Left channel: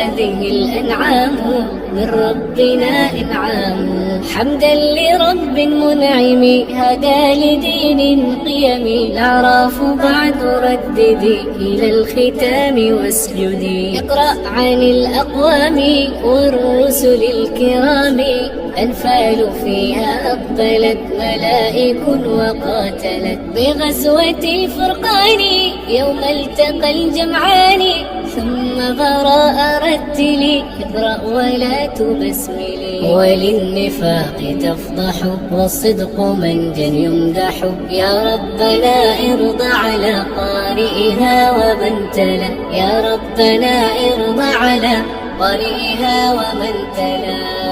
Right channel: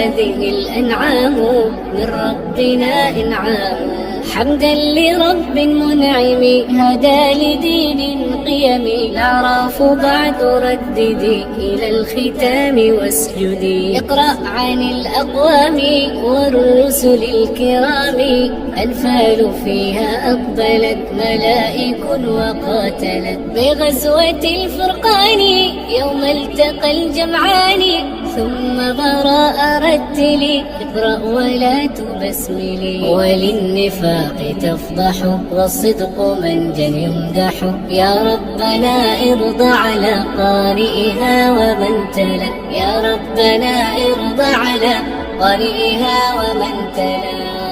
هذه الأنعام من ربنا إنعام. حمدا لرب منعم هدى لدين قيم. الأعراف بعد رددي إلى الختام واسجدي. اقرأ عن الأقوام والرسل الكرام. أنفال فيها أقبلت ملائك وقاتلت بغزوة الفرقان يوم التقى الجمعان. ثم براء رتلي اقرأ ولا تبسملي. وللنفاق تفضح والصدق منجا يمدح. يا ربنا ارض على قارئها ومن تلا. يا ربنا ارض على قارئها ومن تلا.